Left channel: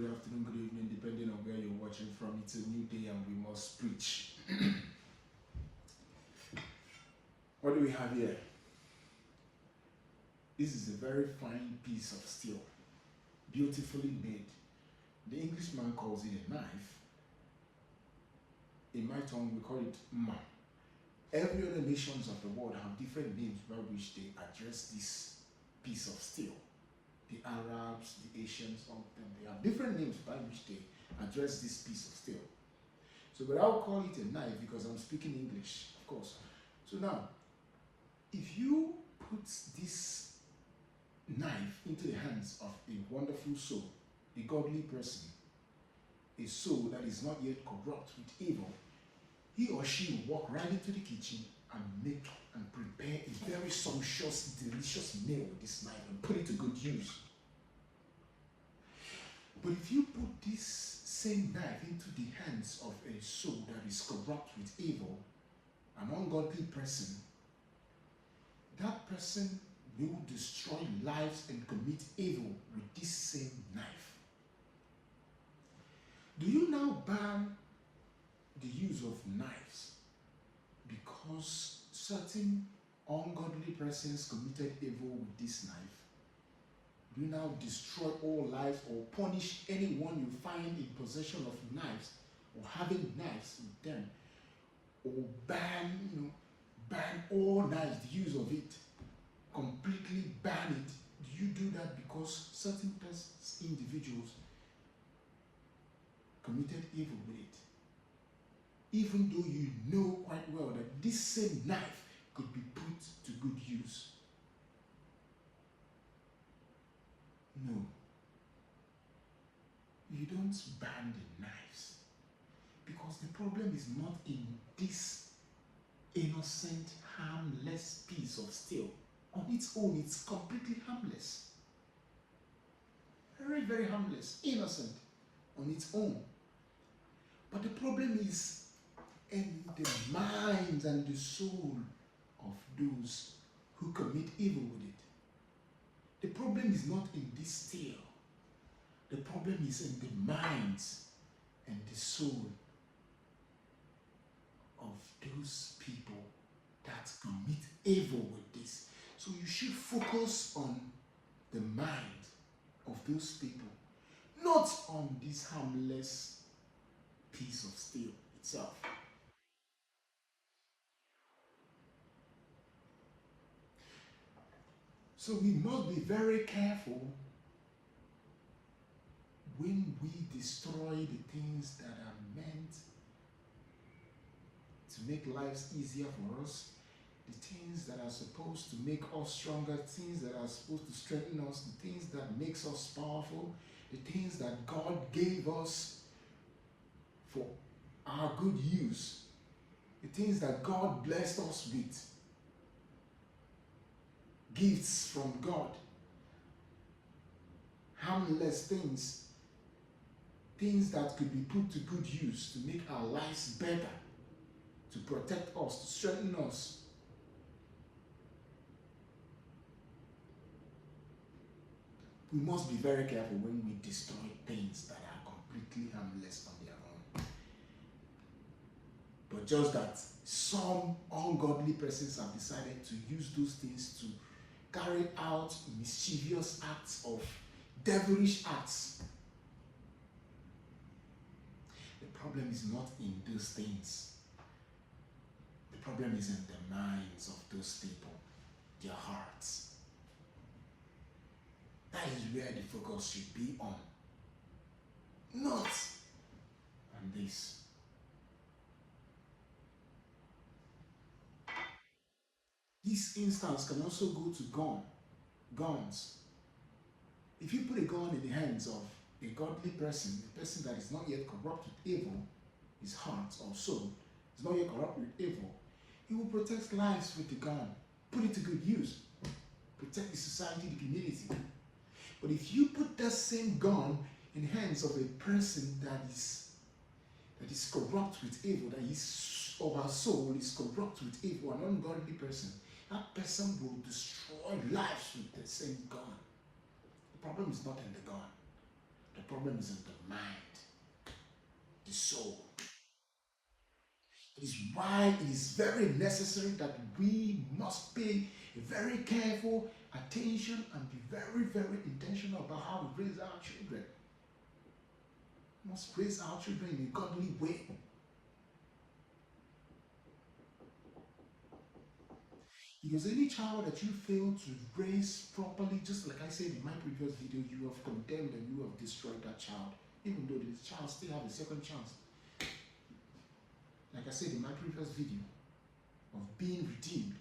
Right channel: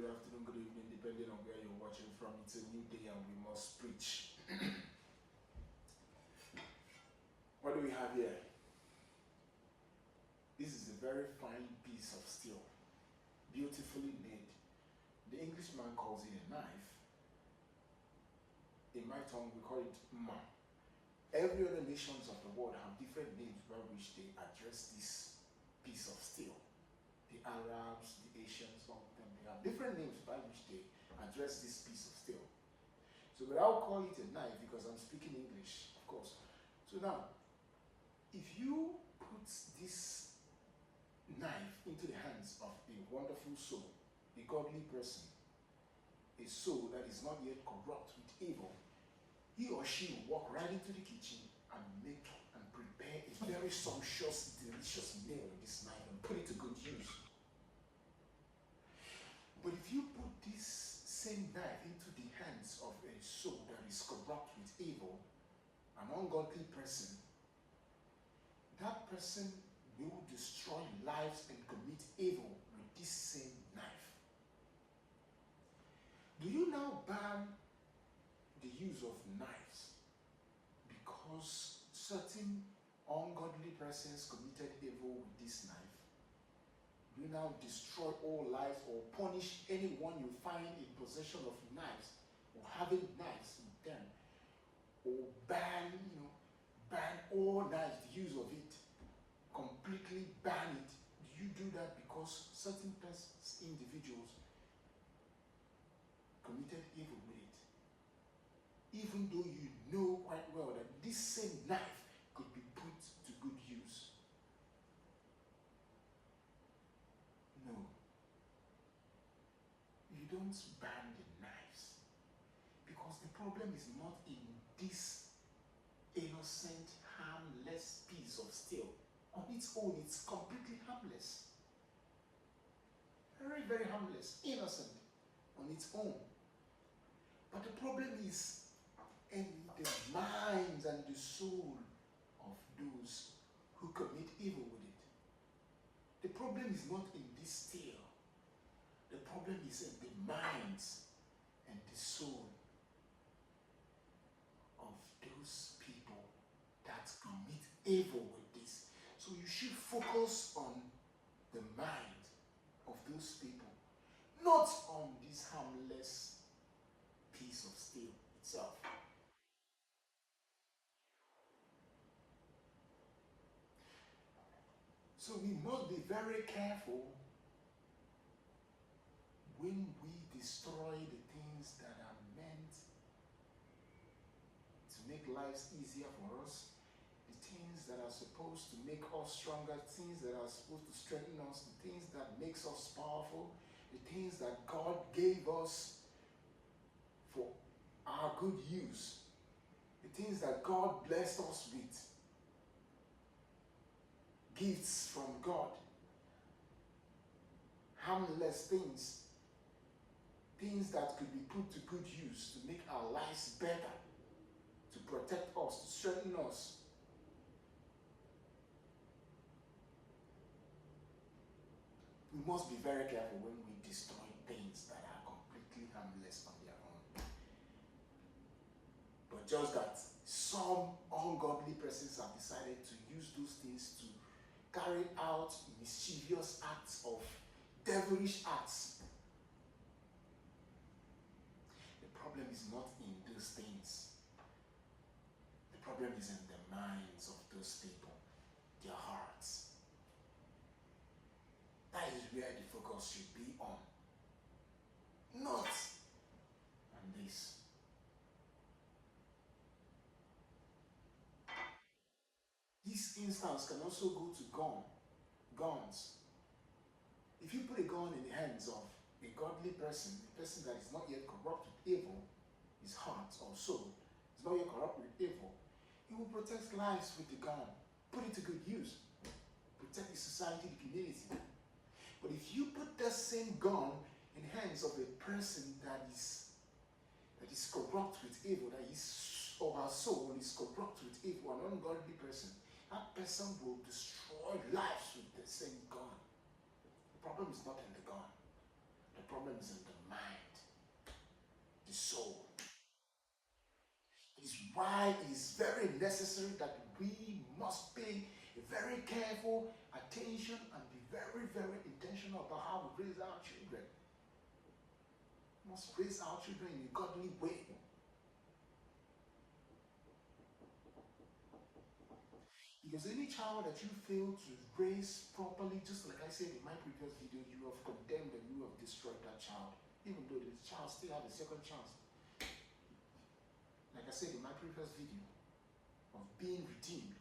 good afternoon, good evening, depending on where you're watching from. It's a new day and we must preach. What do we have here? This is a very fine piece of steel, beautifully made. The Englishman calls it a knife. In my tongue, we call it ma. Every other nations of the world have different names by which they address this piece of steel. The Arabs, the Asians, all of them, they have different names by which they address this piece of steel. So, but I'll call it a knife because I'm speaking English, of course. So now, if you put this knife into the hands of a wonderful soul, a godly person, a soul that is not yet corrupt with evil, he or she will walk right into the kitchen and make and prepare a very sumptuous, delicious meal with this knife and put it to good use. But if you put this same knife into the hands of a soul that is corrupt with evil, an ungodly person, that person will destroy lives and commit evil with this same knife. Do you now ban the use of knives because certain ungodly persons committed evil with this knife? Do you now destroy all lives or punish anyone you find in possession of knives or having knives with them, or ban all knives, the use of it, completely ban it? Do you do that because certain persons, individuals, committed evil with it, even though you know quite well that this same knife could be put to good use? No. You don't ban the knives, because the problem is not in this innocent, harmless piece of steel. On its own, it's completely harmless. Very, very harmless, innocent on its own. But the problem is in the minds and the soul of those who commit evil with it. The problem is not in this steel. The problem is in the minds and the soul of those people that commit evil with this. So you should focus on the mind of those people, not on this harmless piece of steel itself. So we must be very careful when we destroy the things that are meant to make lives easier for us, the things that are supposed to make us stronger, things that are supposed to strengthen us, the things that makes us powerful, the things that God gave us for our good use, the things that God blessed us with, gifts from God, harmless things, things that could be put to good use to make our lives better, to protect us, to strengthen us. We must be very careful when we destroy things that are completely harmless on their own. But just that some ungodly persons have decided to use those things to carry out mischievous acts of devilish acts. The problem is not in those things. The problem is in the minds of those people, their hearts. That is where the focus should be on. Not on this. This instance can also go to guns. If you put a gun in the hands of a godly person, a person that is not yet corrupt with evil, his heart or soul is not yet corrupt with evil, he will protect lives with the gun, put it to good use, protect the society, the community. But if you put that same gun in the hands of a person that is corrupt with evil, that his or her soul is corrupt with evil, an ungodly person, that person will destroy lives with the same gun. The problem is not in the gun. The problem is in the mind, the soul. It is why it is very necessary that we must pay very careful attention and be very, very intentional about how we raise our children. We must raise our children in a godly way. Because any child that you fail to raise properly, just like I said in my previous video, you have condemned and you have destroyed that child, even though the child still has a second chance. Like I said in my previous video, of being redeemed,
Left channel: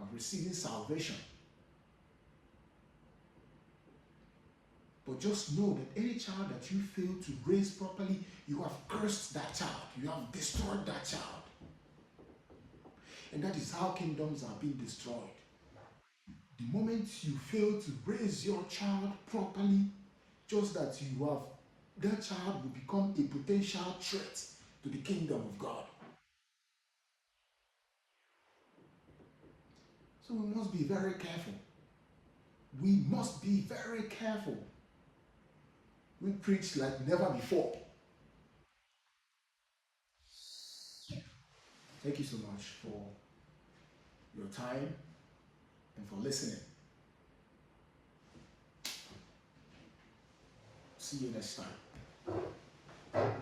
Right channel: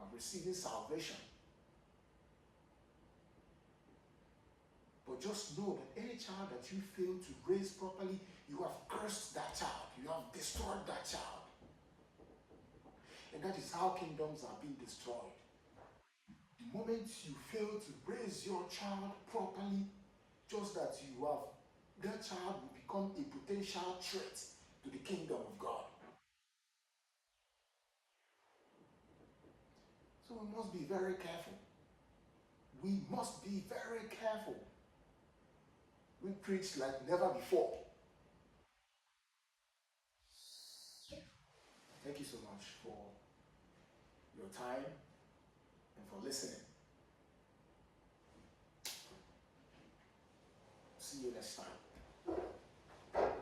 of receiving salvation. But just know that any child that you fail to raise properly, you have cursed that child, you have destroyed that child. And that is how kingdoms are being destroyed. The moment you fail to raise your child properly, just that you have, that child will become a potential threat to the kingdom of God. So we must be very careful. We must be very careful. We preach like never before. Thank you so much for your time and for listening. See you next time.